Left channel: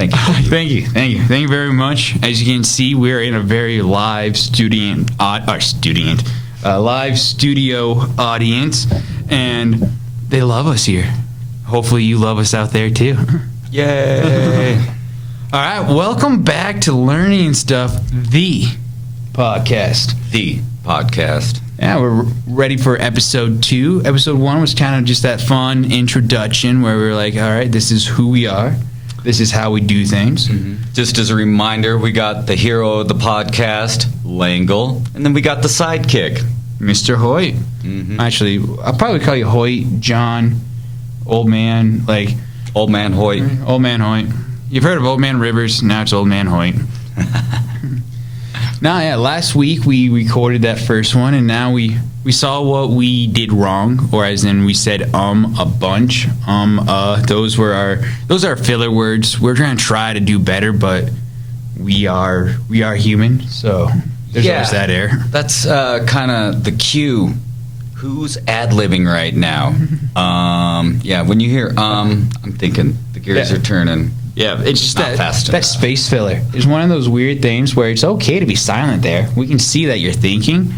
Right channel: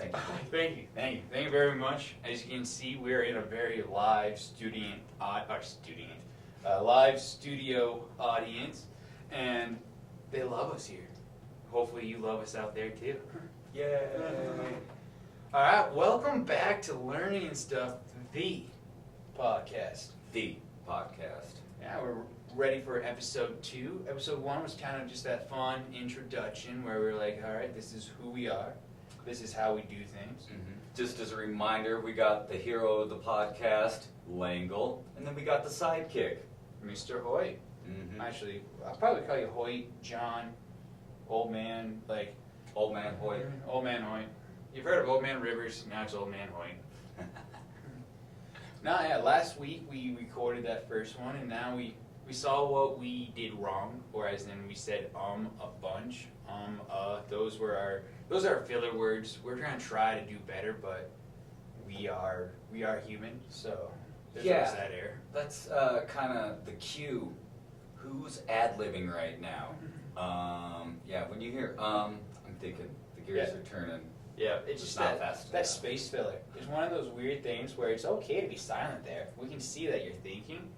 Thank you. Thank you very much. As you can see, we're in a very live studio audience, and they love us here. Hopefully you love us out there too. Yay! All right, welcome back to Learning Stuff, the podcast. The podcast. Yeah, we're ready for episode 2. Episode 1 was kind of just that fun introduction where we were like, all right, this is who we are. This is how we do things. Mm-hmm. Just as a reminder, we got the hero of the podcast, Langle, and then we got the sidekick, Mr. Hoit. Mm-hmm. Actually, I'll probably call you Hoit, John, Old Man, like... Old Man Hoit. Old Man Hoit. You've heard of Old Man Rivers, now it's Old Man Hoit. Last week we recorded that first one, and now we saw what we did wrong, or as in we said a bunch. Those are our filler words. We're gonna try to do better, but we are human, so there's always that error. That's kind of the cue. Who's ad-libbing right now? When you hear I'm thinking the gears are turning. Yeah, it's just that space filler. It's one of those weird things where it's okay to be silent there. We can see that you're thinking,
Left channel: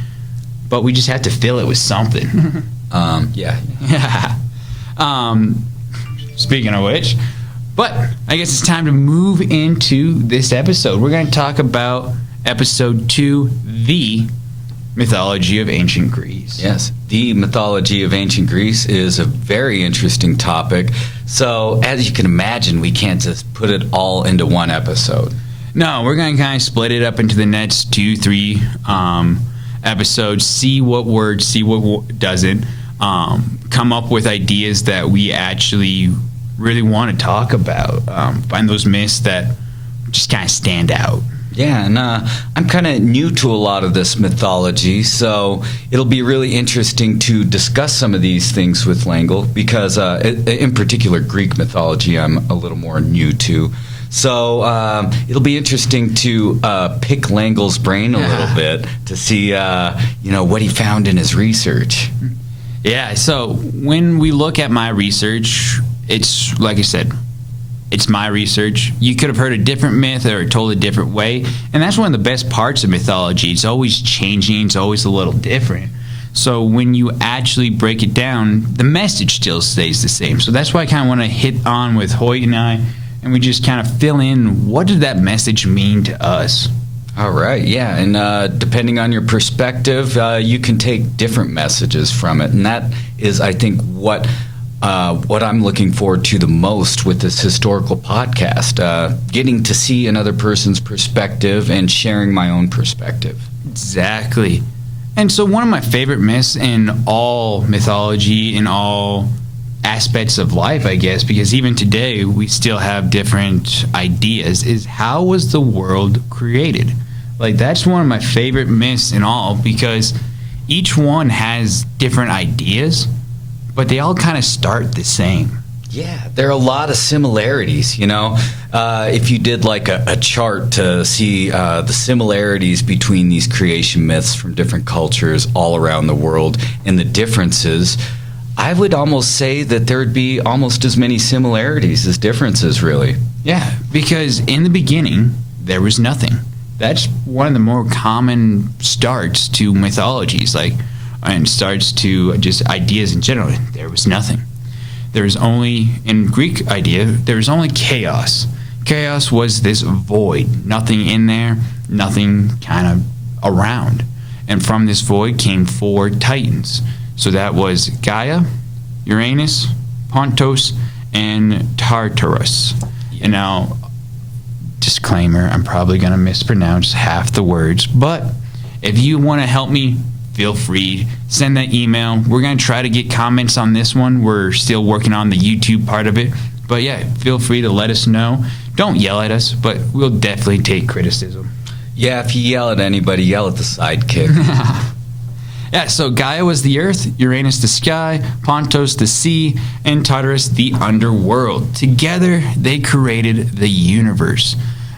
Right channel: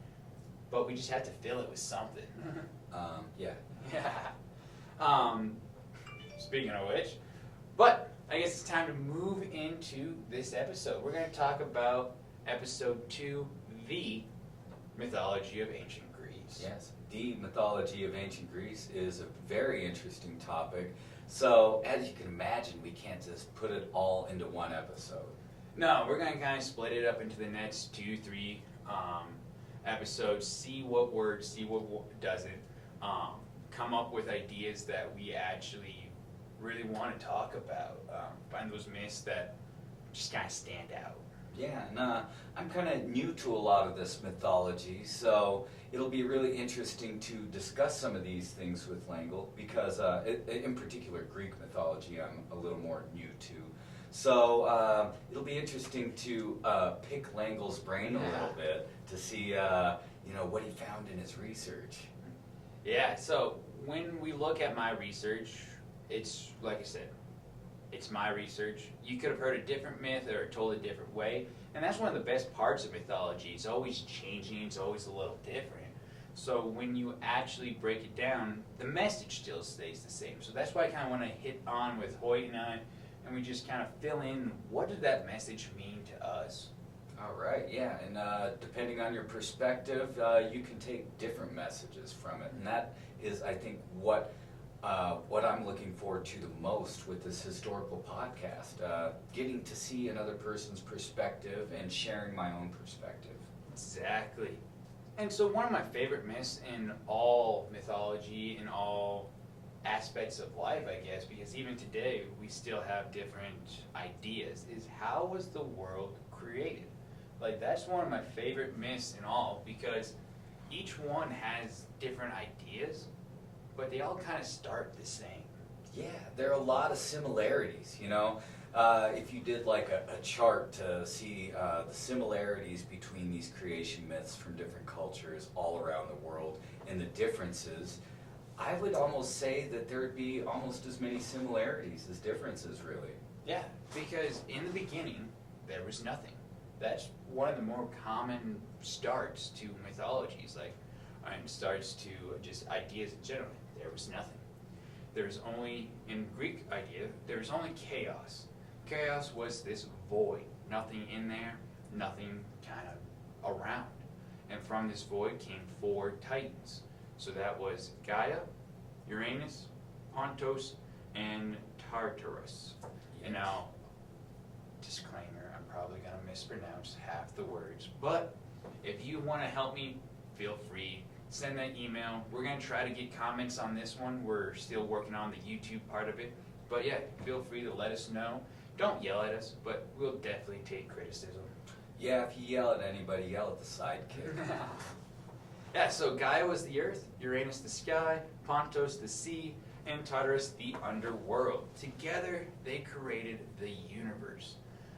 but we just have to fill it with something. Yeah. Speaking of which, but I guess it's time to move into this episode. We're going to talk about episode 2, the Mythology of Ancient Greece. Yes, the mythology of ancient Greece is a very interesting topic. So, as you can imagine, we can't just put it all into one episode. No, we're going to kind of split it up into the next 2-3 episodes, see what works, see what doesn't, come up with ideas that we actually really want to talk about, find those myths that just kind of stand out. Yeah, and I'm kind of new to a lot of this mythology, so it'll be really interesting to discuss some of these things with Langle, because in particular Greek mythology I'm a little more new to. So it'll be interesting to pick Langle's brain a little bit to see what he found in his research. Yeah, so when we look at my research, it's like I said, it's my research. You could have heard a different myth or told a different way. And that's one of the best parts of mythology. It's always changing. It's always a little different. So when you actually break it down, the message still stays the same. So that's why I kind of want to hit on with Hoyt and I, and we just kind of fill in, what did that message mean to us? All right, yeah, and depending on your perspective, you can take different messages from it. And that is, I think, what I'm looking forward to the most with this historical podcast, getting to see another person's perspective and sharing my own perspective. Exactly. And so one of my favorite myths in all mythology, in all aspects of life, I guess, because even today we still have different ideas, is how was the world created? Like, that's one of my favorite myths in all, because each one has different ideas, but they all kind of start the same. Yeah, there are a lot of similarities, if you did like a chart to see the similarities between these creation myths from different cultures all around the world and the differences, I would almost say that there would be almost as many similarities as differences, really. Yeah, because in the beginning, there was nothing. That's one of the more common starts to mythologies, and starts to just ideas in general. There was nothing. There was only, in Greek idea, there was only chaos. Chaos was this void, nothing in there, nothing kind of around. And from this void came 4 titans. So that was Gaia, Uranus, Pontos, and Tartarus. And now, disclaimer, I'm probably going to mispronounce half the words, but if you want to help me, feel free, send that email. We're going to try to get comments on this one. We're still working on the YouTube part of it. But yeah, feel free to let us know. Don't yell at us, but we'll definitely take criticism. Yeah, if you yell at anybody, yell at the sidekick. Yeah, so Gaia was the earth, Uranus the sky, Pontos the sea, and Tartarus the underworld. Together, they created the universe.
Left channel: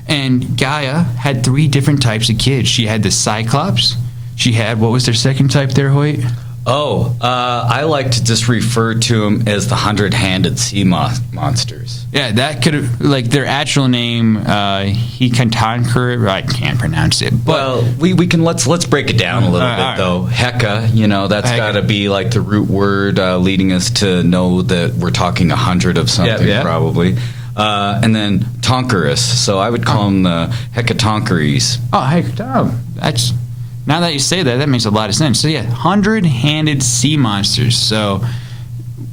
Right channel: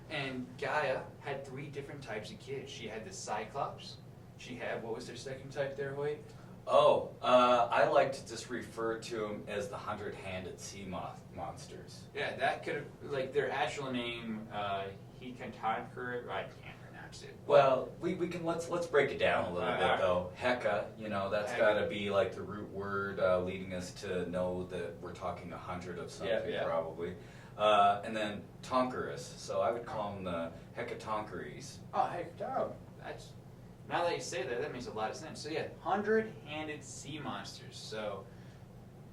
And Gaia had 3 different types of kids. She had the Cyclops. She had, what was their second type there, Hoyt? I like to just refer to them as the 100-handed sea monsters. Yeah, that could like their actual name. Hecatonchir. I can't pronounce it. But Well, we can let's break it down a little bit though. Heka, that's got to be like the root word leading us to know that we're talking 100 of something probably. And then Tonkerus. So I would call them the Hecatonchires. That's now that you say that, that makes a lot of sense. So yeah, 100-handed sea monsters. So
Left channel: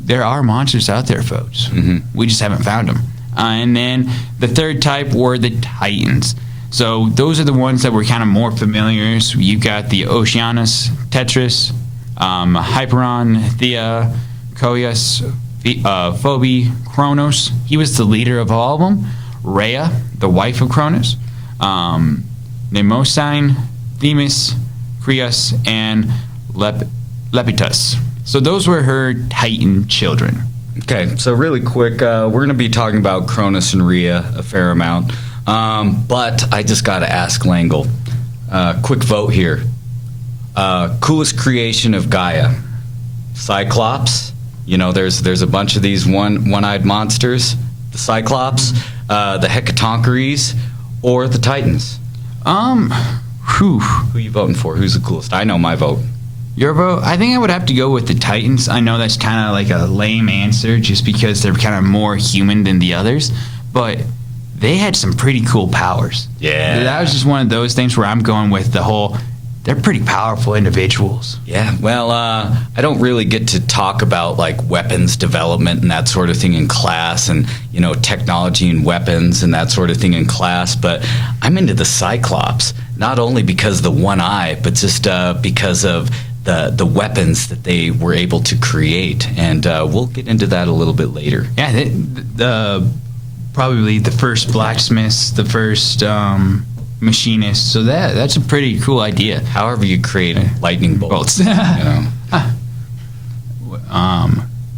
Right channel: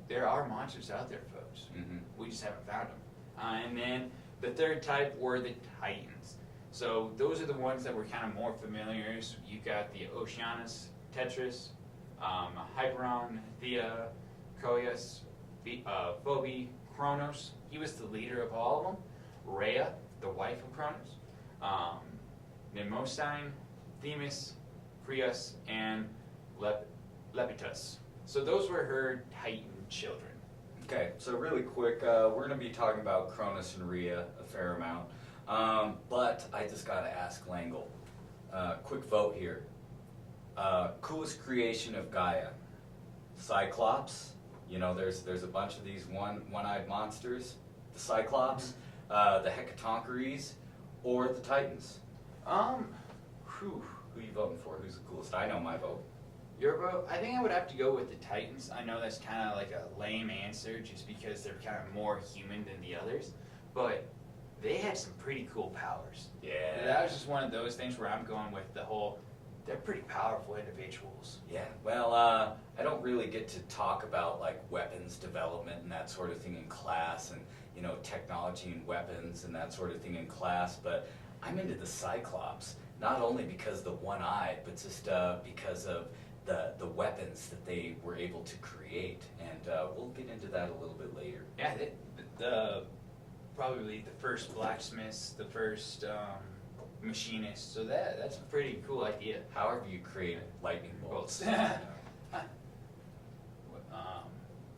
there are monsters out there, folks. We just haven't found them. And then the third type were the Titans. So those are the ones that were kind of more familiar. So you've got the Oceanus, Tetris, Hyperon, Thea, Koios, Phoebe, Kronos. He was the leader of all of them. Rhea, the wife of Kronos. Mnemosyne, Themis, Creus, and Lepidus. So those were her Titan children. Okay, so really quick, we're going to be talking about Cronus and Rhea a fair amount. But I just got to ask Langle. Quick vote here. Coolest creation of Gaia? Cyclops. There's a bunch of these one-eyed monsters. The Cyclops, the Hecatonchires, or the Titans. Who you voting for? Who's the coolest? I know my vote. Your vote? I think I would have to go with the Titans. I know that's kind of like a lame answer just because they're kind of more human than the others, but they had some pretty cool powers. Yeah. That was just one of those things where I'm going with the whole, they're pretty powerful individuals. Yeah, well, I don't really get to talk about like weapons development and that sort of thing in class and, technology and weapons and that sort of thing in class, but I'm into the Cyclops, not only because of the one eye, but just because of the weapons that they were able to create, and we'll get into that a little bit later. Yeah, probably the first blacksmiths, the first machinists. So that's a pretty cool idea. However you create lightning bolts.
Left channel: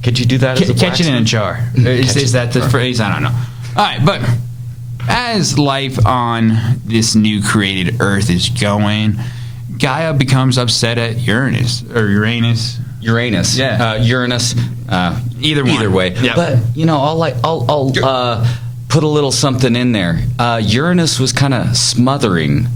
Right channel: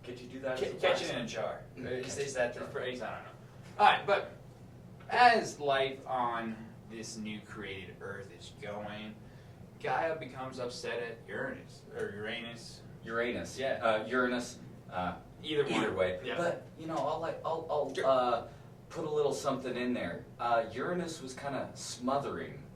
Could you do that as a catch it in a jar? Is that the phrase? I don't know. All right, but as life on this new created Earth is going, Gaia becomes upset at Uranus. Yeah. Uranus. Either way. Yep. But I'll put a little something in there. Uranus was kind of smothering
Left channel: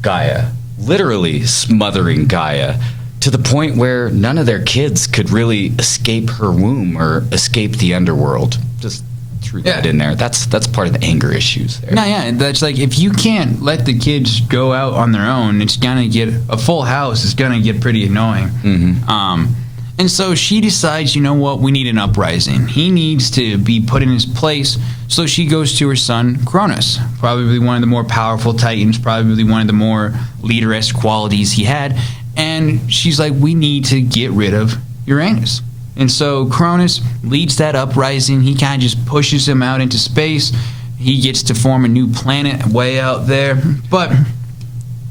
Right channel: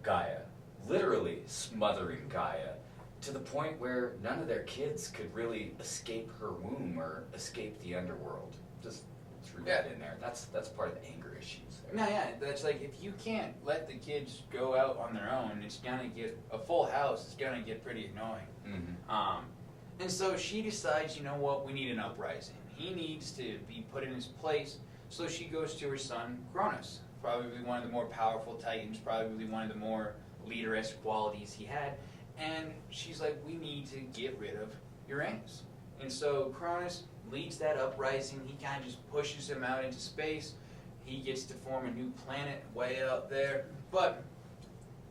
Gaia, literally smothering Gaia, to the point where none of their kids could really escape her womb or escape the underworld. Just threw that in there. That's part of the anger issues there. No, yeah, that's like if you can't let the kids go out on their own, it's gonna get a full house. It's gonna get pretty annoying. And so she decides, you know what, we need an uprising. He needs to be put in his place. So she goes to her son, Cronus, probably one of the more powerful Titans, probably one of the more leader-esque qualities he had. And she's like, we need to get rid of Uranus. And so Cronus leads that uprising. He kind of just pushes him out into space. He gets to form a new planet way out there. But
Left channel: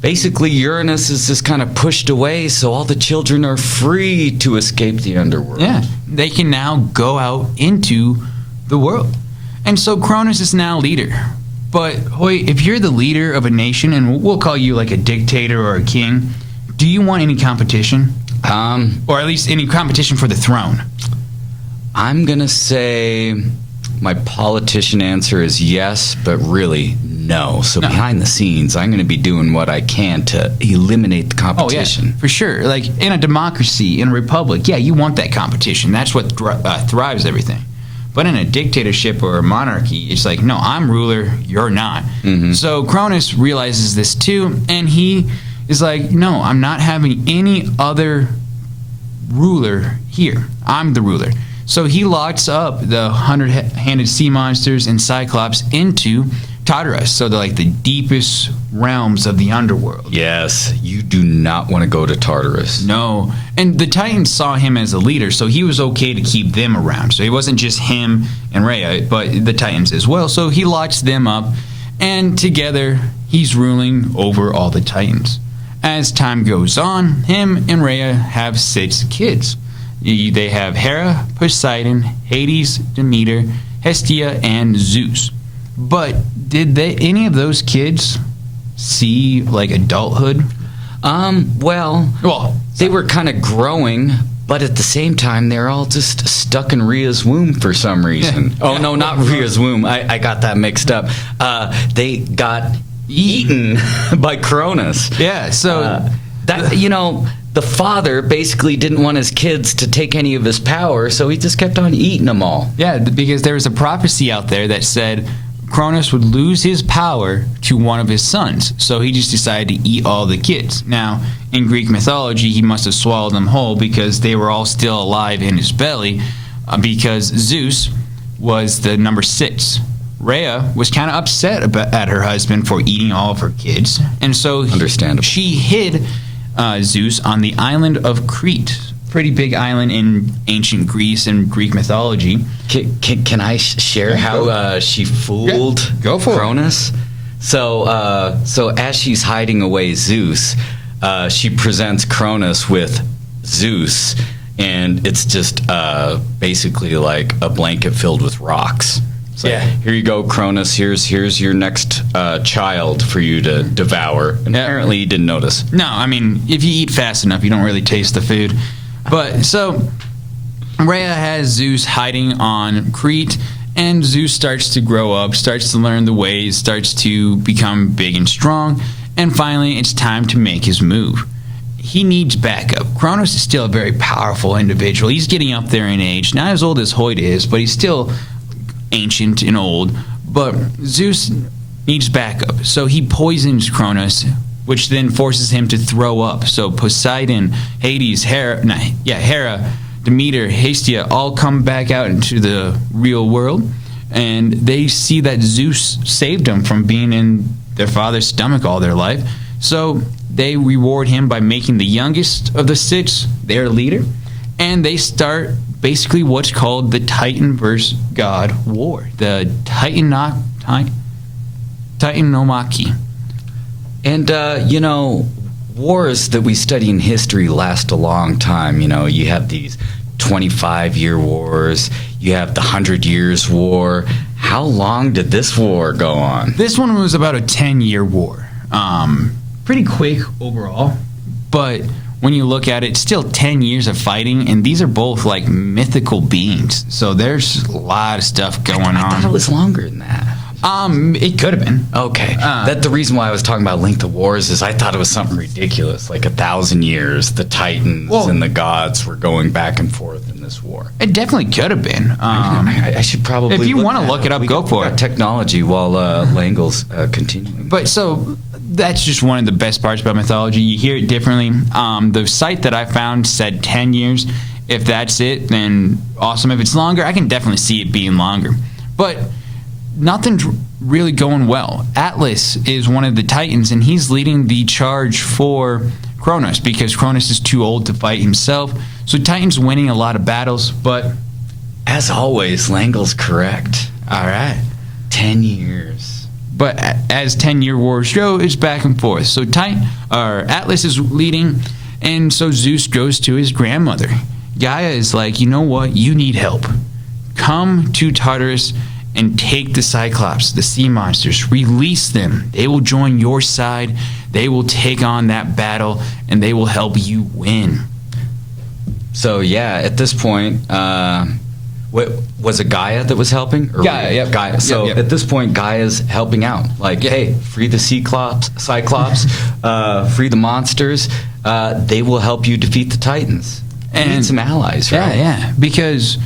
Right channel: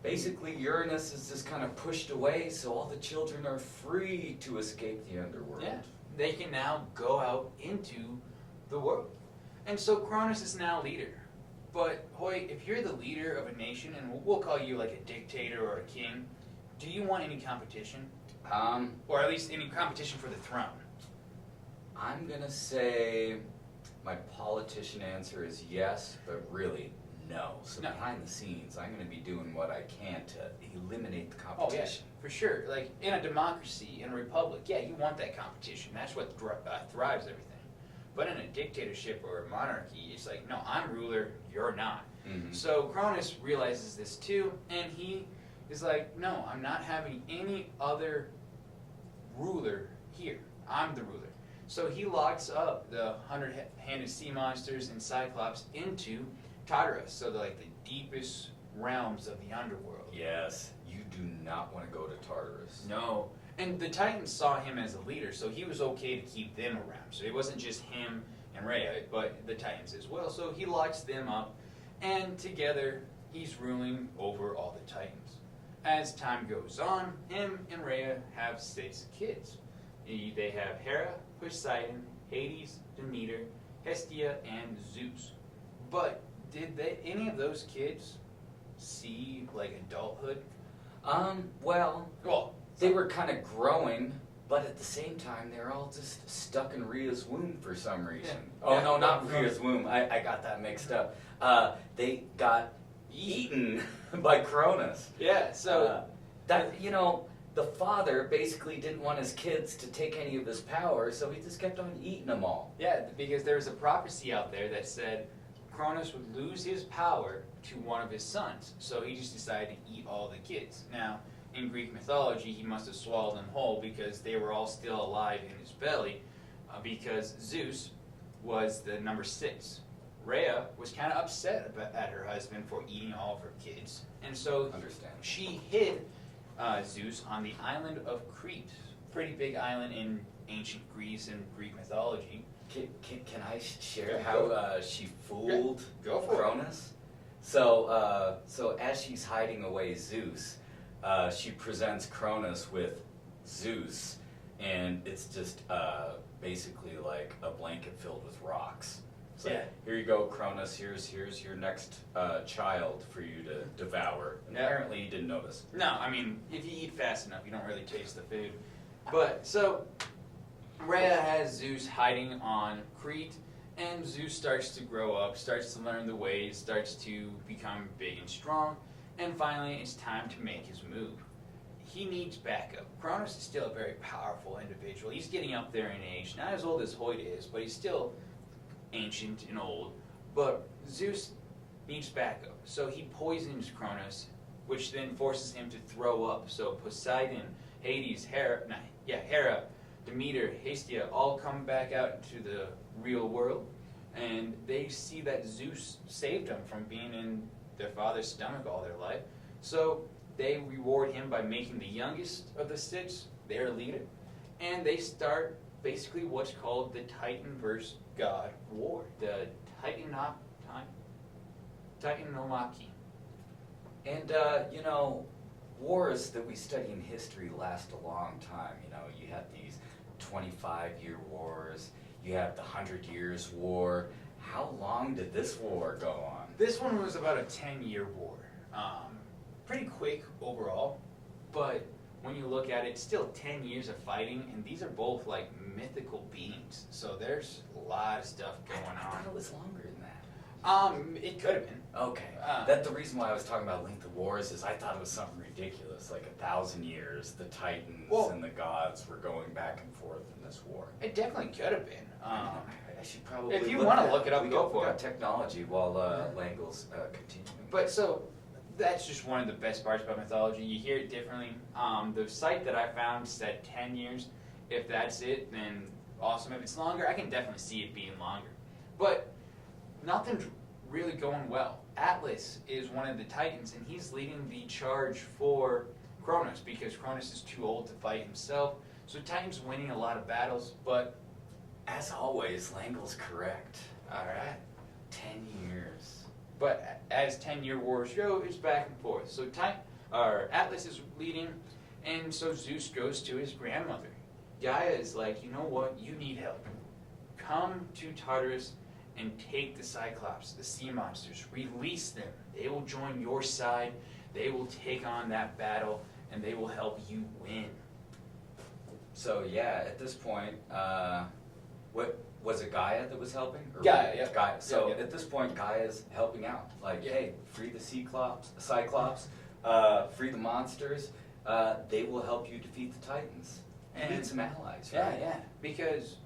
basically, Uranus is just kind of pushed away, so all the children are free to escape the underworld. yeah, they can now go out into the world. And so Cronus is now leader. But Hoyt, if you're the leader of a nation, and we'll call you like a dictator or a king, do you want any competition? Or at least any competition for the throne? I'm going to say my politician answer is yes, but really no. So behind the scenes, I'm going to be doing what I can to eliminate the competition. Oh, yeah, for sure. Like in a democracy, in a republic, yeah, you want that competition. That's what thrives everything. But in a dictatorship or a monarchy, it's like, no, I'm ruler, you're not. So Cronus realizes this too, and he is like, no, I'm not having any other ruler here. I'm the ruler. So he locks up the 100-handed sea monsters and Cyclops into Tartarus, so they're like the deepest realms of the underworld. Yes, you do not want to go to Tartarus. No. And the Titans saw him as a leader, so he was okay to keep them around. So it wasn't just him and Rhea, but the Titans as well. So he locks them up, and together he's ruling over all the Titans. As time goes on, him and Rhea have 6 kids. They have Hera, Poseidon, Hades, Demeter, Hestia, and Zeus. But did any of those kids see like adulthood? Well, they were kind of growing, but at the same time, they're all just stuck in Rhea's womb for some reason. Yeah. Oh, no, not Rhea's womb. I got that mixed up. They got eaten by Cronus. Yeah, so... the father basically didn't want his kids to take any of his power, so he just kept on eating them all. Yeah, because there was a prophecy out there that said Cronus would lose his power to one of his sons, so he just decided to eat all the kids. Now, in Greek mythology, he must have swallowed them whole because they were all still alive in his belly, because Zeus was the number 6. Rhea was kind of upset at her husband for eating all of her kids, and so Understandable. She hid Zeus on the island of Crete. Pretty big island in ancient Greece and Greek mythology. Can I share how she fooled Go for Cronus? it. So as she's hiding away Zeus, she presents Cronus with Zeus, and it's just basically like a blanket filled with rocks. It's like, here you go, Cronus. Here's your next child for you to devour. And apparently, he didn't notice. No, I mean, if you eat fast enough, you don't really taste the food. But so Rhea has Zeus hiding on Crete, and Zeus starts to grow up, starts to learn the ways, starts to become big and strong, and finally, it's time to make his move. He needs backup. Cronus is still a very powerful individual. He's getting up there in age, not as old as Hoit is, but he's still ancient and old, but Zeus needs backup. So he poisons Cronus, which then forces him to throw up. So Poseidon, Hades, Hera, Demeter, Hestia all come back out into the real world, and they see that Zeus saved them from being in their father's stomach all their life. So they reward him by making the youngest of the 6 their leader, and they start basically what's called the Titan versus God War, the Titanomachy. And, wars that we study in history last a long time. You have these 25-year wars. You have the 100 Years' War. How long did this war go on? This one was about a 10-year war. Pretty quick overall, but when you look at it, still 10 years of fighting, and these are both like mythical beings. So there's a lot of stuff going on. I thought it was longer than that. It could have been. Okay. That's the reason why I was talking about length of wars is I thought it was something ridiculous, like 1,000 years. The Titans and the gods were going back and forth in this war. It definitely could have been. I should probably. If you want to look it up, go for it. Technology while Langle's continuing. But so that's just one of the best parts about mythology. You hear it differently. The site that I found said 10 years. If that's it, then awesome. If it's longer, I can definitely see it being longer. But nothing's really going well. Atlas is one of the Titans, and he's leading the charge for Cronus because Cronus is too old to fight himself. So Titan's winning a lot of battles, but as always, Langle's correct. All right. 10 years. But as 10-year wars go, it's back and forth. So Atlas is leading, and so Zeus goes to his grandmother. Gaia is like, you know what? You need help. Come to Tartarus and take the Cyclops, the sea monsters. Release them. They will join your side. They will take on that battle, and they will help you win. So, yeah, at this point, was it Gaia that was helping? Or Gaia, yep. Gaia. So Yep. at this point, Gaia's helping out. Like, hey, free the Cyclops, free the monsters. They will help you defeat the Titans. And need some allies, right? Yeah. Because,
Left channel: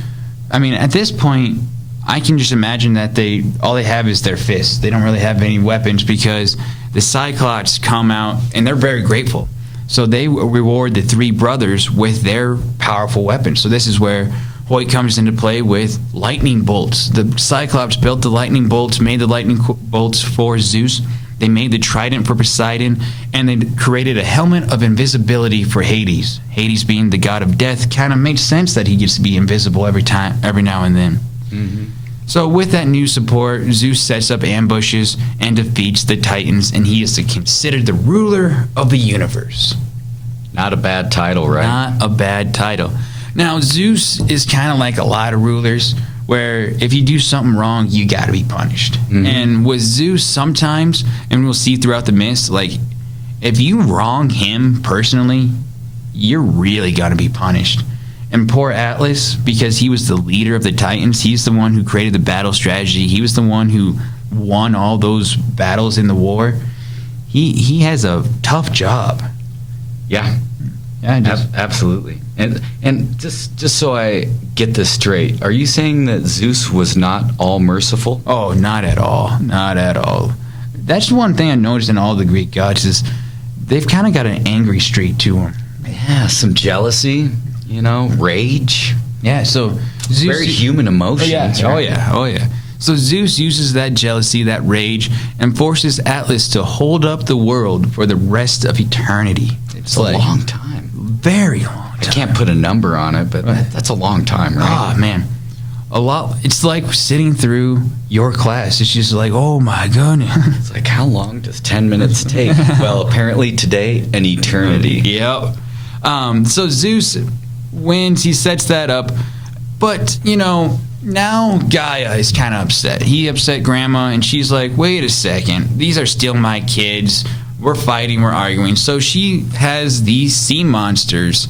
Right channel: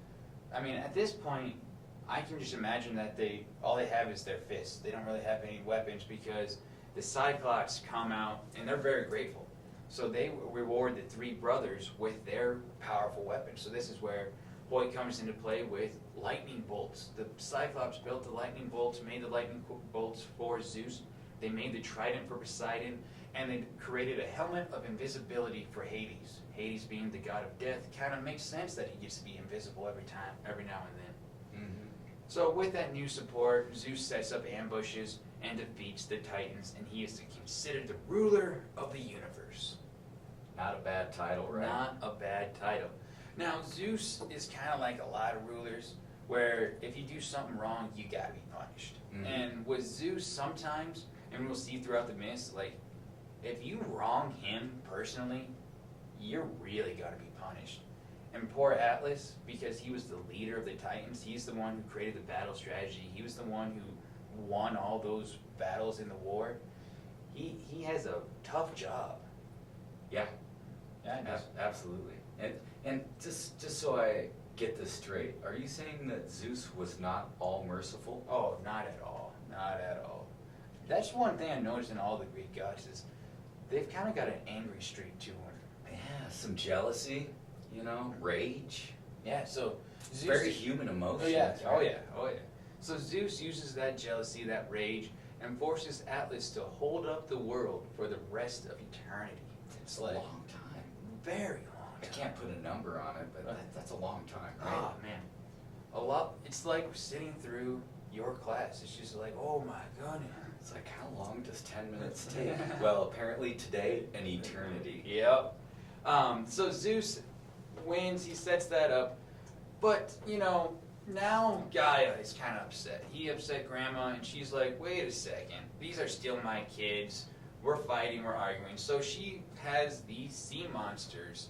I mean, at this point, I can just imagine that all they have is their fists. They don't really have any weapons because the Cyclops come out, and they're very grateful. So they reward the 3 brothers with their powerful weapons. So this is where Hoit comes into play with lightning bolts. The Cyclops built the lightning bolts, made the lightning bolts for Zeus. They made the trident for Poseidon, and they created a helmet of invisibility for Hades. Hades being the god of death, kind of makes sense that he gets to be invisible every now and then. Mm-hmm. So with that new support, Zeus sets up ambushes and defeats the Titans, and he is considered the ruler of the universe. Not a bad title, right? Not a bad title. Now, Zeus is kind of like a lot of rulers, where if you do something wrong, you got to be punished. Mm-hmm. And with Zeus, sometimes, and we'll see throughout the myths, like if you wrong him personally, you're really going to be punished. And poor Atlas, because he was the leader of the Titans, he's the one who created the battle strategy. He was the one who won all those battles in the war. He has a tough job. Yeah. Yeah, Absolutely. And just so I get this straight, are you saying that Zeus was not all merciful? Oh, not at all. Not at all. That's one thing I noticed in all the Greek gods is they've kind of got an angry streak to them. Yeah, some jealousy, rage. Yeah, so Zeus, very human emotions. Oh right? yeah. Oh yeah. So Zeus uses that jealousy, that rage, and forces Atlas to hold up the world for the rest of eternity. It's a long time. Very long time. I can't put a number on it, but that's a long time, right? Oh man. A lot. It's like sitting through your class. It's just like, oh my goodness. It's like, how long does 10 minutes take? Well, apparently today, an eternity. Yep. So Zeus wins. He sets that up. But, now Gaia is kind of upset. He upset Grandma, and she's like, wait a second. These are still my kids. We're fighting. We're arguing. So she has these sea monsters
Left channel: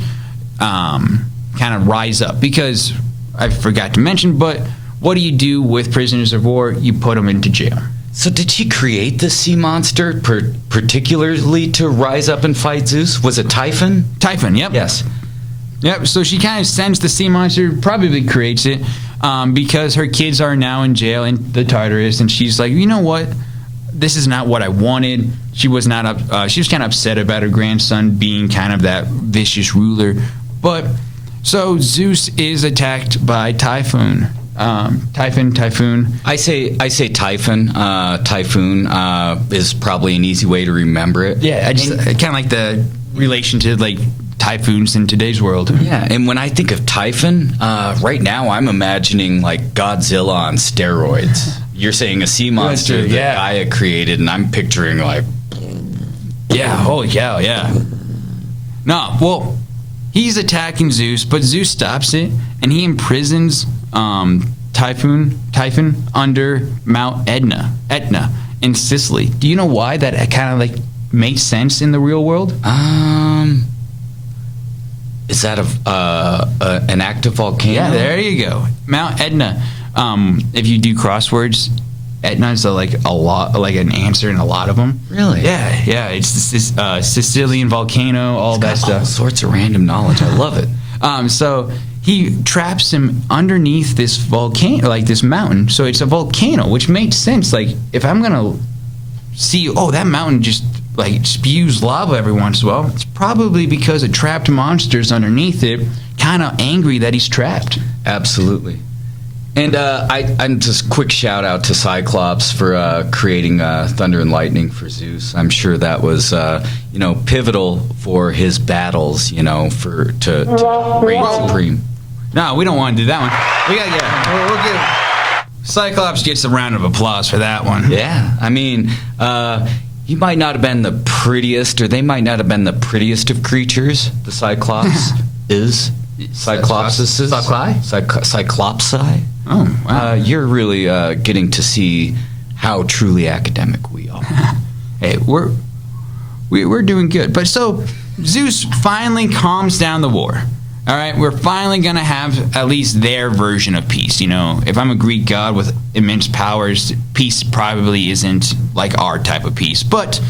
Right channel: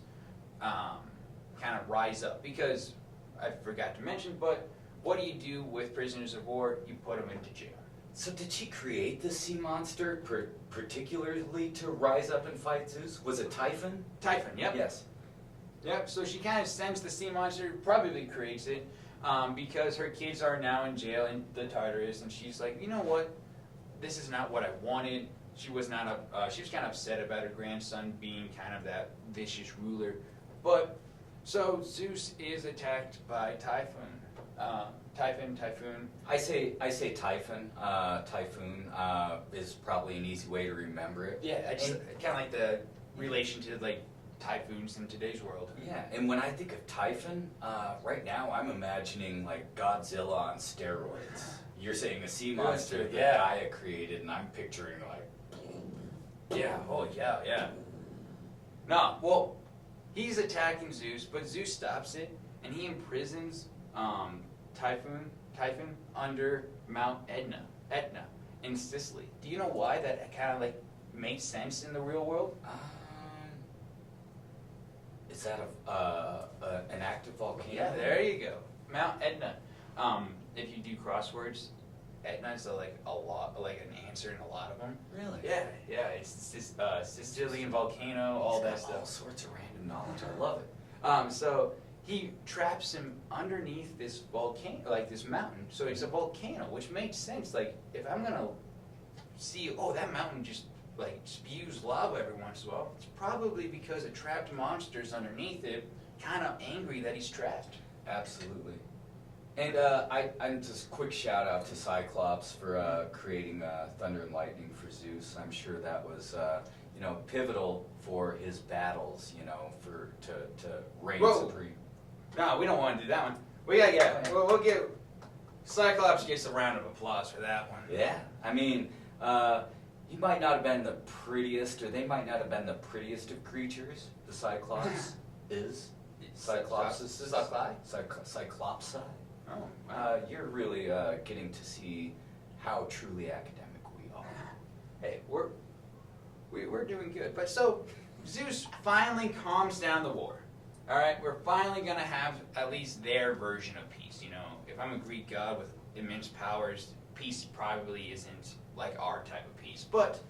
kind of rise up because I forgot to mention, but what do you do with prisoners of war? You put them into jail. So did she create the sea monster particularly to rise up and fight Zeus? Was it Typhon? Typhon, yep. Yes. Yep, so she kind of sends the sea monster, probably creates it, because her kids are now in jail in the Tartarus, and she's like, you know what? This is not what I wanted. She was not she was kind of upset about her grandson being kind of that vicious ruler. But so Zeus is attacked by Typhon. Typhoon. I say Typhon. Typhoon is probably an easy way to remember it. Yeah, I just kind of like the relation to like typhoons in today's world. Yeah, and when I think of Typhon, right now I'm imagining like Godzilla on steroids. You're saying a sea monster that Gaia created, and I'm picturing like... Yeah, holy cow, yeah. No, well, he's attacking Zeus, but Zeus stops it, and he imprisons Typhon under Mount Etna in Sicily. Do you know why that kind of like makes sense in the real world? Is that an active volcano? Yeah, there you go. Mount Etna. If you do crosswords, Etna is like an answer in a lot of them. Really? Yeah. It's this Sicilian volcano, all that stuff. All sorts of random knowledge. I love it. So he traps him underneath this volcano, like this mountain. So it's a volcano, which makes sense. Like if I'm gonna see, that mountain just like spews lava every once in a while, it's probably because a trapped monster's underneath it, kind of angry that he's trapped. Absolutely. And I'm just quick shout out to Cyclops for creating thunder and lightning for Zeus. I'm sure that was pivotal for his battles, to reign supreme. No, we don't want to do that one. We'll give Cyclops gets a round of applause for that one. Yeah, I mean, he might not have been the prettiest, or they might not have been the prettiest of creatures. The Cyclops is. Cyclopses. Cyclopsi. Oh, wow. You're really getting to see how truly academic we are. Hey, we're doing good. But so Zeus finally calms down the war. All right, we're finally going to have at least their version of peace. If I'm a Greek god with immense powers, peace probably isn't like our type of peace. But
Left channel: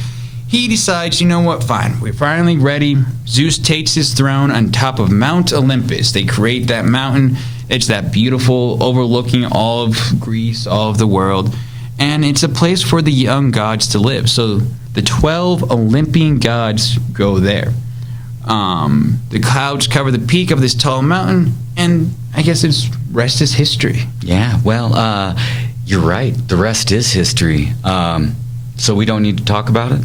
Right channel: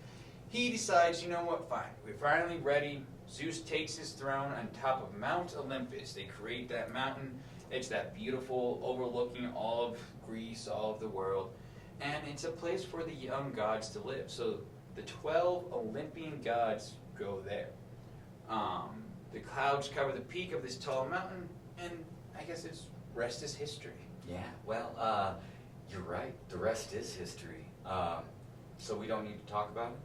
he decides, you know what, fine, we're finally ready. Zeus takes his throne on top of Mount Olympus. They create that mountain. It's that beautiful overlooking all of Greece, all of the world. And it's a place for the young gods to live. So the 12 Olympian gods go there. The clouds cover the peak of this tall mountain, and I guess rest is history. Yeah, well, you're right. The rest is history. So we don't need to talk about it?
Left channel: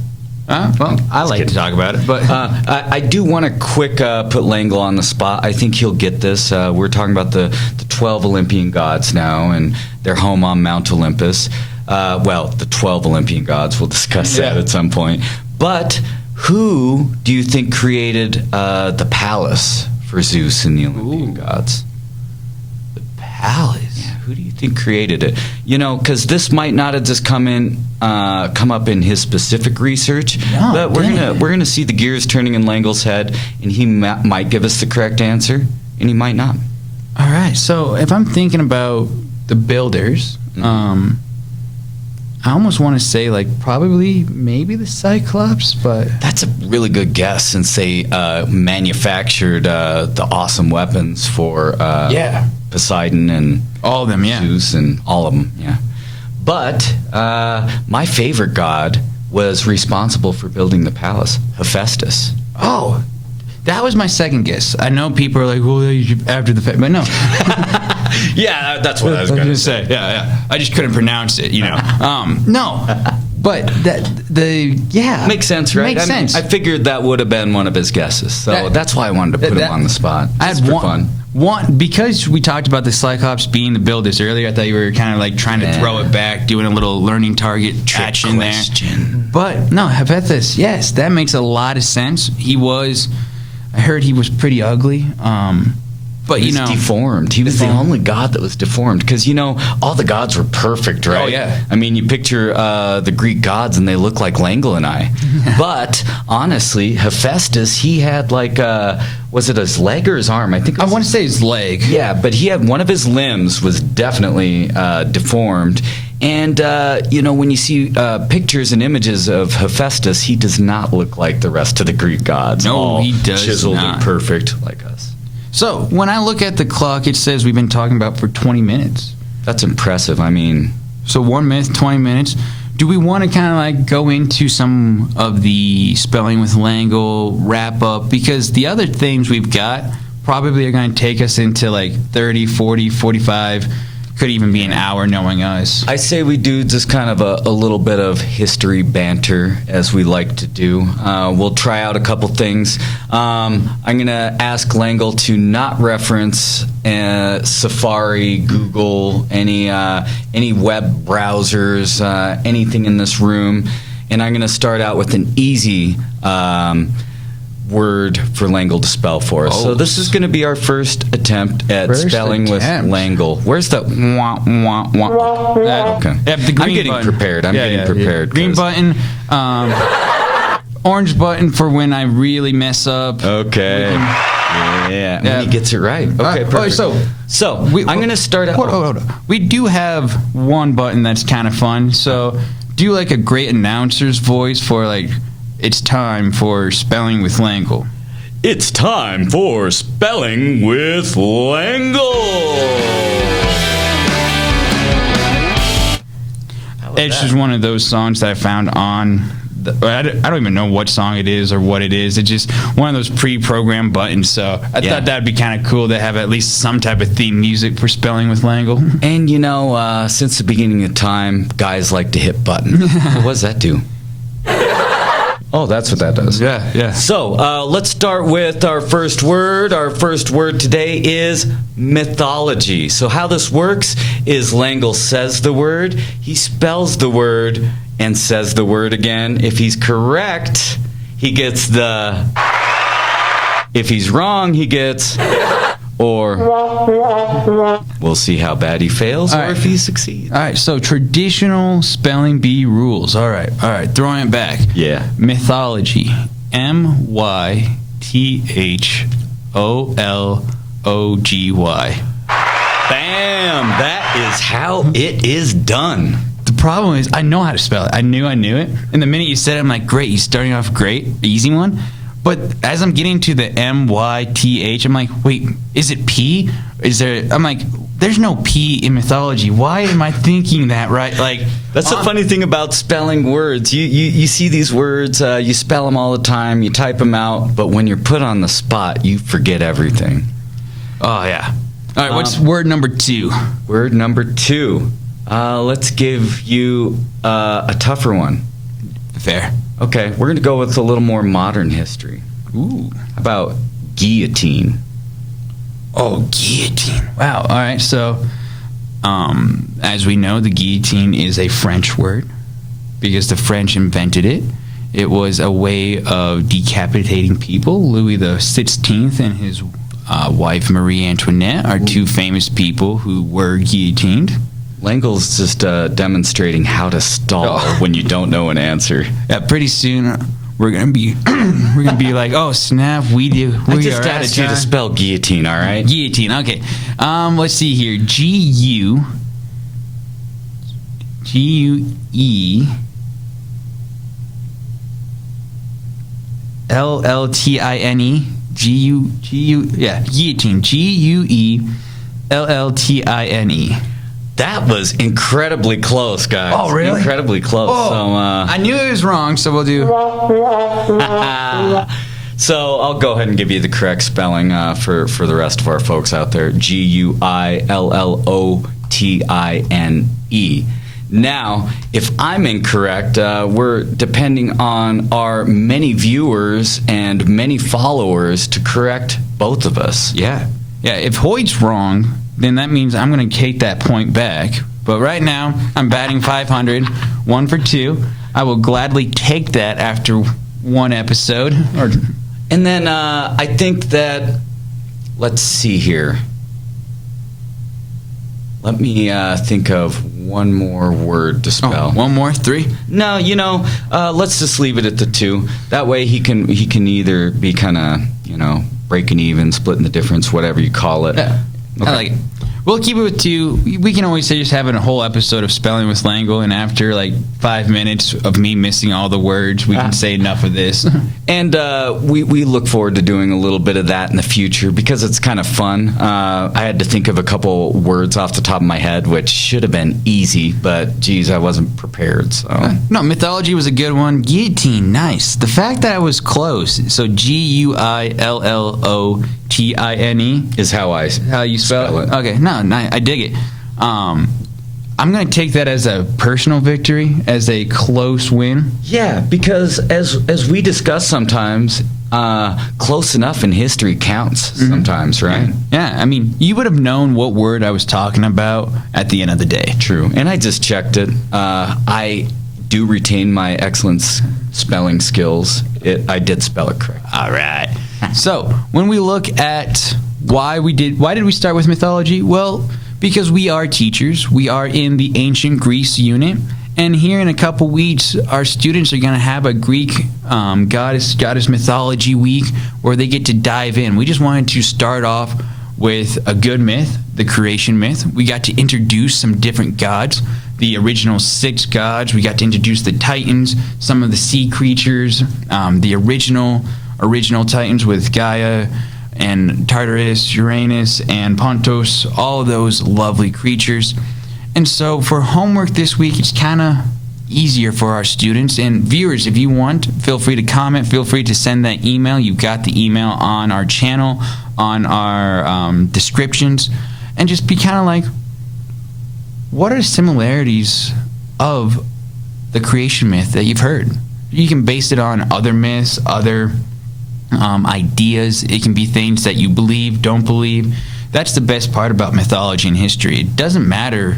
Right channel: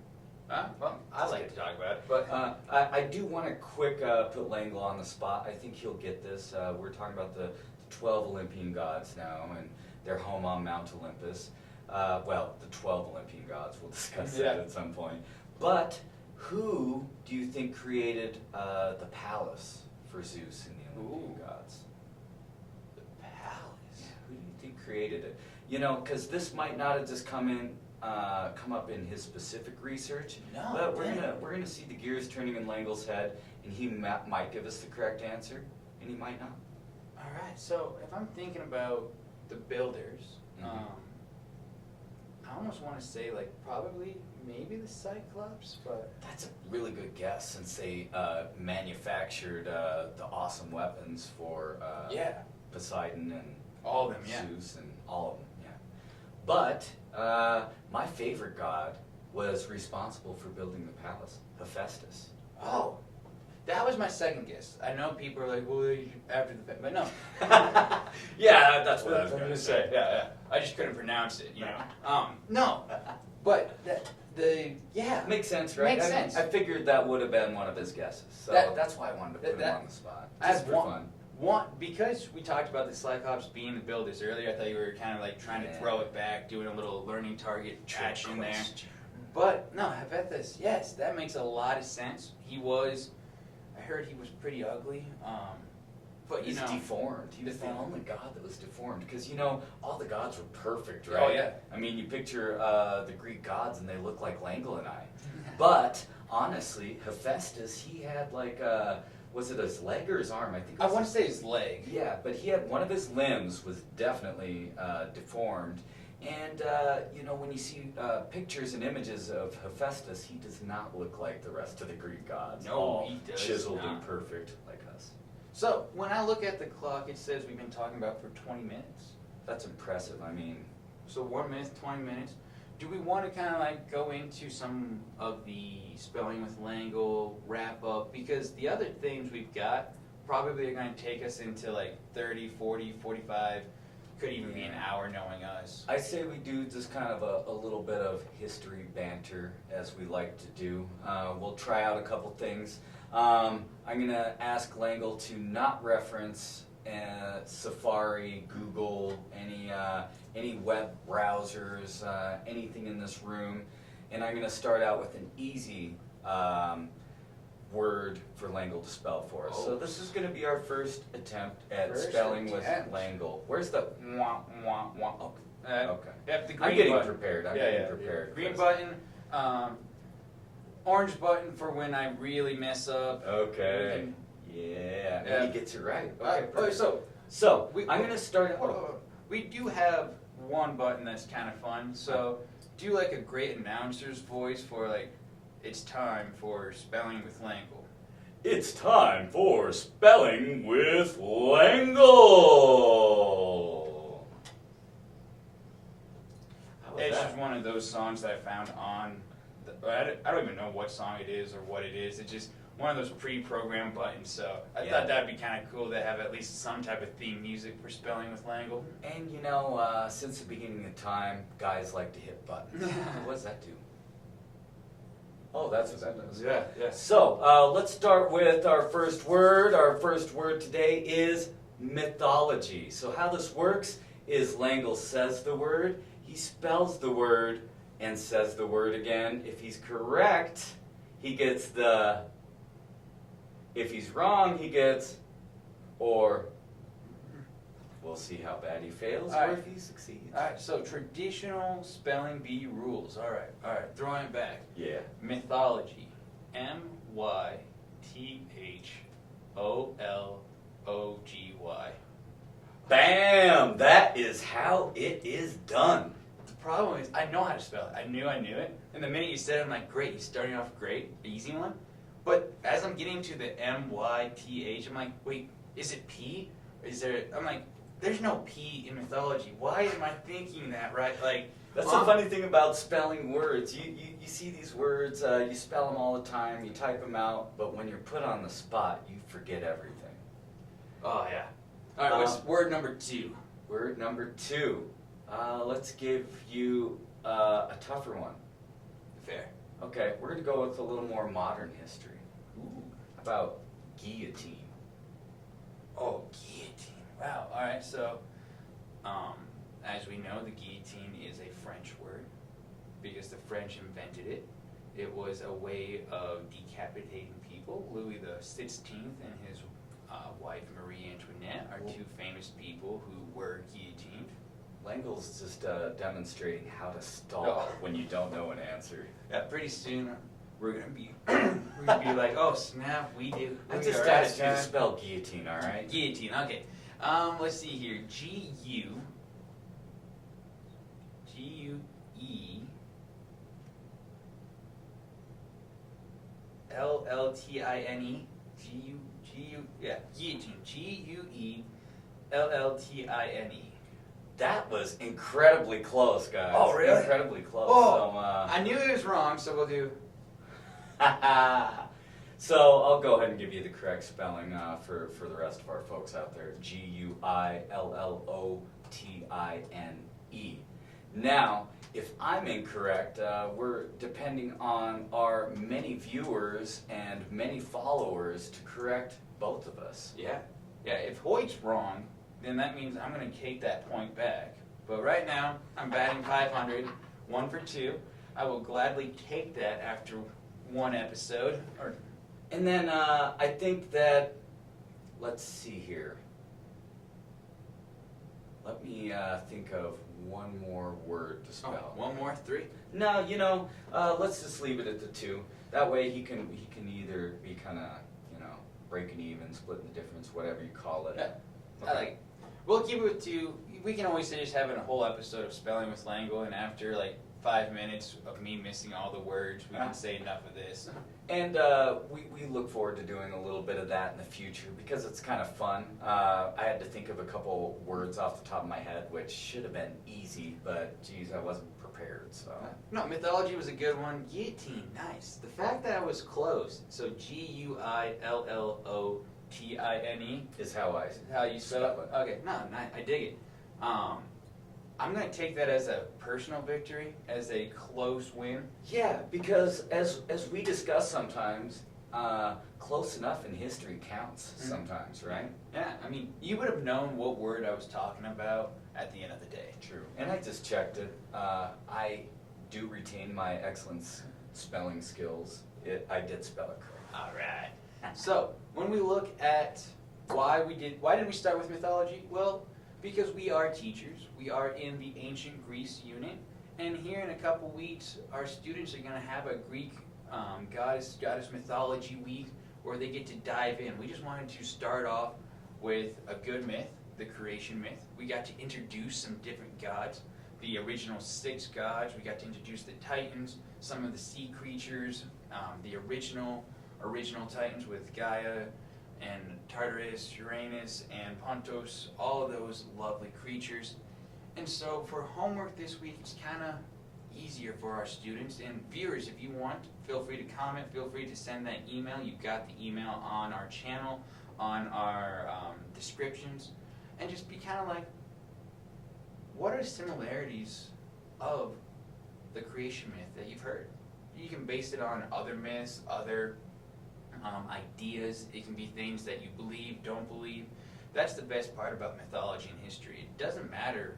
Well, I like to talk about it, but I do want to quick put Langle on the spot. I think he'll get this. We're talking about the 12 Olympian gods now, and their home on Mount Olympus. The 12 Olympian gods. We'll discuss that at some point. But who do you think created the palace for Zeus and the Olympian gods? The palace? Yeah. Who do you think created it? You know, because this might not have just come up in his specific research, but we're gonna see the gears turning in Langle's head, and he might give us the correct answer, and he might not. All right. So if I'm thinking about the builders, I almost want to say probably maybe the Cyclops, but that's a really good guess since they manufactured the awesome weapons for Poseidon and all of them, Zeus and all of them, But my favorite god was responsible for building the palace, Hephaestus. Oh, that was my second guess. I know people are like, well, after the fact, but no. Yeah, that's what I was going to say. Yeah. I just couldn't pronounce it, No. But makes sense, right? Makes sense. I figured that would have been one of his guesses, so that's why I wanted to put him on the spot. Just for fun. Because we talked about the Cyclops being the builders earlier. I thought you were kind of trying to throw it back, doing a little learning target action there. But no, Hephaestus, yes, that makes a lot of sense. I heard he was pretty ugly. But he was deformed. He was the only god that was deformed because all the gods were perfect, right? Oh yeah. I mean, you picture the Greek gods and they look like Langle and I. But honestly, Hephaestus, he had was it his leg or his arm? I want to say his leg. Yeah, but he had one of his limbs was definitely deformed. And, when you see pictures and images of Hephaestus, he does not look like the rest of the Greek gods. No, he does chiseled not. and perfect like us. So, when I look at the clock, it says we've been talking about for 20 minutes. That's impressive. I mean... So, 1 minute, 20 minutes. Do we want to kind of go into some of the spelling with Langle, wrap up? Because the other themes we've got probably are going to take us into 30, 40, 45... could even be an hour knowing us. I say we do just kind of a little bit of history banter as we like to do. We'll try out a couple things. I'm going to ask Langle to not reference Safari, Google, any web browsers, anything in this room. And I'm going to start out with an easy word for Langle to spell for us. So this is going to be our first attempt at spelling with Langle. Where's the wah? Okay. The green I'm getting button. prepared. I'm getting prepared. Green button. Orange button for when I really mess up. Okay. Yeah. When he gets it right. Okay, perfect. So I'm going to start out. Hold on. We do have one button that's kind of fun. So do a great announcer's voice for it's time for spelling with Langle. It's time for spelling with Langle. It's just one of those songs that I found on. I don't even know what song it is or what it is. It's just one of those pre-programmed buttons. So I thought that'd be kind of cool to have at least some type of theme music for spelling with Langle. And since the beginning of time, guys like to hit buttons. What does that do? Oh, that's what that does. Yeah. So let's start with our first word. Our first word today is mythology. So how this works is Langle says the word, he spells the word, and says the word again. If he's correct, he gets the... If he's wrong, he gets... Or we'll see how bad he fails or if he succeeds. All right, so traditional spelling bee rules. All right, throwing it back. Yeah. Mythology. Mythology. Bam! That is how it is done. The problem is I know how to spell it. I knew it. And the minute you said it, I'm like, great, you're starting off great, easy one. But as I'm getting to the myth, I'm like, wait, is it P? I'm like, there's no P in mythology. Why am I thinking that, right? That's the funny thing about spelling words. You see these words, you spell them all the time, you type them out, but when you're put on the spot, you forget everything. Oh, yeah. All right, what's word number 2? Word number 2. Let's give you a tougher one. Fair. Okay, we're going to go with a little more modern history. Ooh. How about guillotine? Oh, guillotine. Wow. All right, so as we know, the guillotine is a French word because the French invented it. It was a way of decapitating people. Louis XVI and his wife Marie Antoinette are two famous people who were guillotined. Langle's just demonstrating how to stall when you don't know an answer. Yeah, pretty soon we're gonna be like, oh snap, I just asked you to spell guillotine, all right? Guillotine, okay. Let's see here. Guillotine. Yeah, guillotine. Guillotine. That was incredibly close, guys. Oh, really? Incredibly close. Oh, So, I knew it was wrong, so we'll do. So I'll go ahead and give you the correct spelling for the rest of our folks out there. Guillotine. Now, if I'm incorrect, we're depending on our many viewers and many followers to correct both of us. Yeah. If Hoyt's wrong, then that means I'm going to take that point back. But right now, I'm batting 500, 1 for 2. I will gladly take that after one episode. And then I think that, let's see here. Let me think of one more word to spell. Oh, one more? 3? No, let's just leave it at the 2. That way he can either be kind of, breaking even, splitting the difference, whatever you call it. Yeah. Okay. I like it. We'll keep it with 2. We can always say just having a whole episode of Spelling with Langle, and after 5 minutes of me missing all the words, we can say enough of this. And we look forward to doing a little bit of that in the future because it's kind of fun. I had to think of a couple words off the top of my head, which should have been easy, but geez, I wasn't prepared. So no, mythology was a good one. Guillotine, nice. The fact that I was close, so Guillotine is how you spell it. Okay, no, I dig it. I'm going to take that as a personal victory, as a close win. Yeah, because as we discuss sometimes, close enough in history counts sometimes, right? Yeah, I mean, you would have known what word I was talking about at the end of the day. True, and I just checked it. I do retain my excellent spelling skills. I did spell it correct. All right. So when we look at why did we start with mythology? Well, because we are teachers. We are in the ancient Greece unit. And here in a couple weeks, our students are going to have a Greek goddess mythology week where they get to dive in. We just wanted to start off with a good myth, the creation myth. We got to introduce some different gods, the original 6 gods. We got to introduce the Titans, some of the sea creatures, the original Titans with Gaia and Tartarus, Uranus, and Pontos, all those lovely creatures. And so for homework this week, it's kind of easier for our students. And viewers, if you want, feel free to comment. Feel free to send that email. You've got the email on our channel, on our descriptions. And just be kind of like, what are the similarities of the creation myth that you've heard? You can base it on other myths, other ideas. It can be things that you believe, don't believe. That's the best part about mythology and history. It doesn't matter,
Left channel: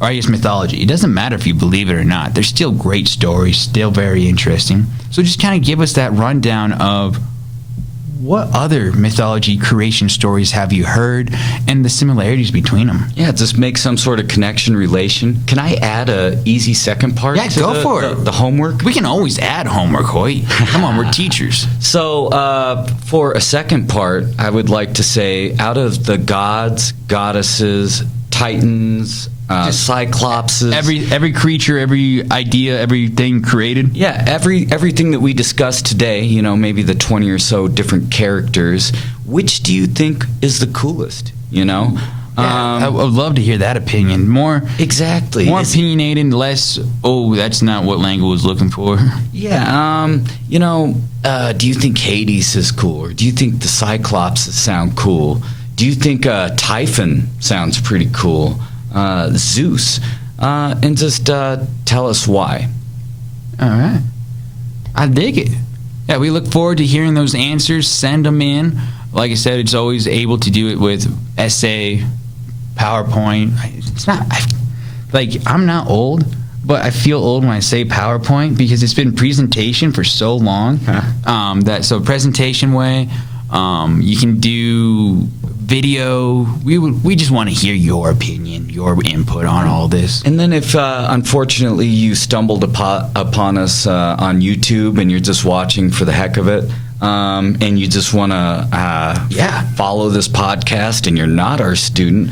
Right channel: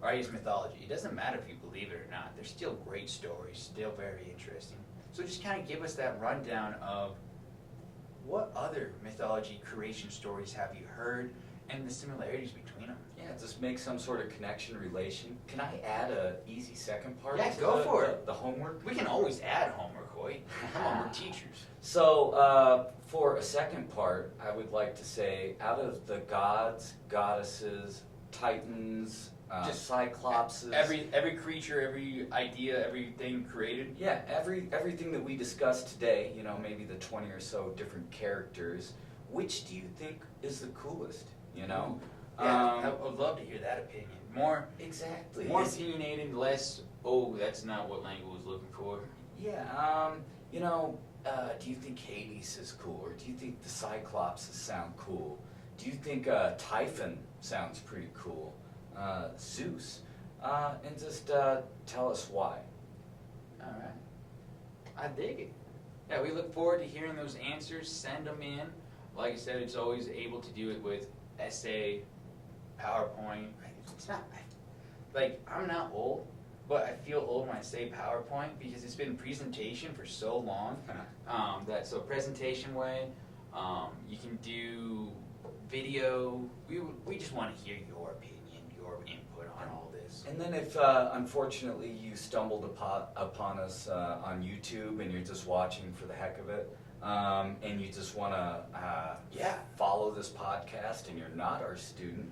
or I guess mythology, it doesn't matter if you believe it or not. There's still great stories, still very interesting. So just kind of give us that rundown of what other mythology creation stories have you heard and the similarities between them. Yeah, just make some sort of connection, relation. Can I add a easy second part to go for it. The homework? We can always add homework, Hoyt. Come on, we're teachers. So for a second part, I would like to say out of the gods, goddesses, titans, cyclopses, every creature, every idea, everything created. Yeah, everything that we discussed today, maybe the 20 or so different characters, which do you think is the coolest, Yeah, I would love to hear that opinion. More opinionated, less, that's not what Langle was looking for. Yeah, do you think Hades is cool? Or do you think the Cyclopses sound cool? Do you think Typhon sounds pretty cool? Zeus, and just tell us why. All right. I dig it. Yeah, we look forward to hearing those answers. Send them in. Like I said, it's always able to do it with essay, PowerPoint. It's not, I'm not old, but I feel old when I say PowerPoint because it's been presentation for so long. So presentation way, You can do video. We just want to hear your opinion, your input on all this. And then if, unfortunately, you stumbled upon us on YouTube and you're just watching for the heck of it, and you just want to follow this podcast and you're not our student,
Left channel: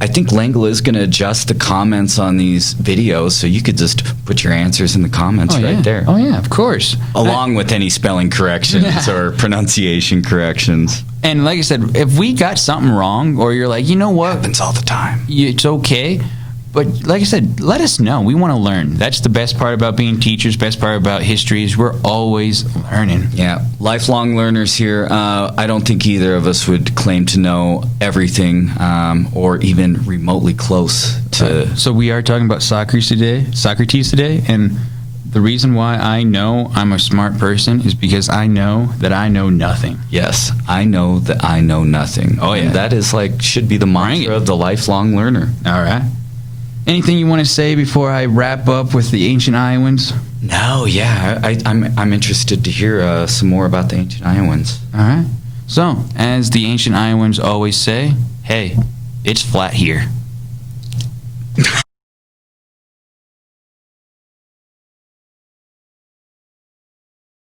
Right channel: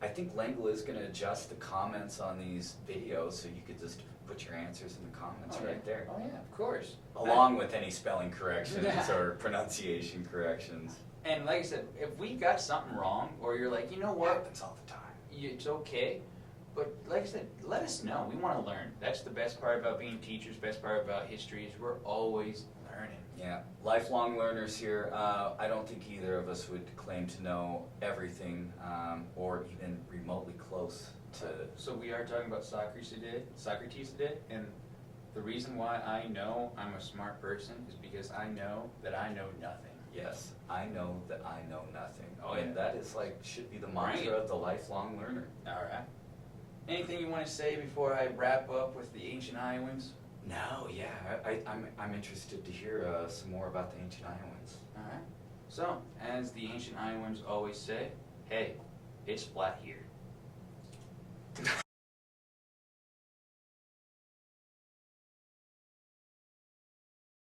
I think Langle is going to adjust the comments on these videos, so you could just put your answers in the comments right there. Oh, yeah, of course. Along with any spelling corrections or pronunciation corrections. And like I said, if we got something wrong, or you're like, you know what? Happens all the time. It's okay. But like I said, let us know. We want to learn. That's the best part about being teachers, best part about history is we're always learning. Yeah, lifelong learners here. I don't think either of us would claim to know everything or even remotely close to... So we are talking about Socrates today, and the reason why I know I'm a smart person is because I know that I know nothing. Yes, I know that I know nothing. Oh, yeah. And that is should be the mantra of the lifelong learner. All right. Anything you want to say before I wrap up with the ancient Iowans? No, yeah, I'm interested to hear some more about the ancient Iowans. All right. So, as the ancient Iowans always say, hey, it's flat here.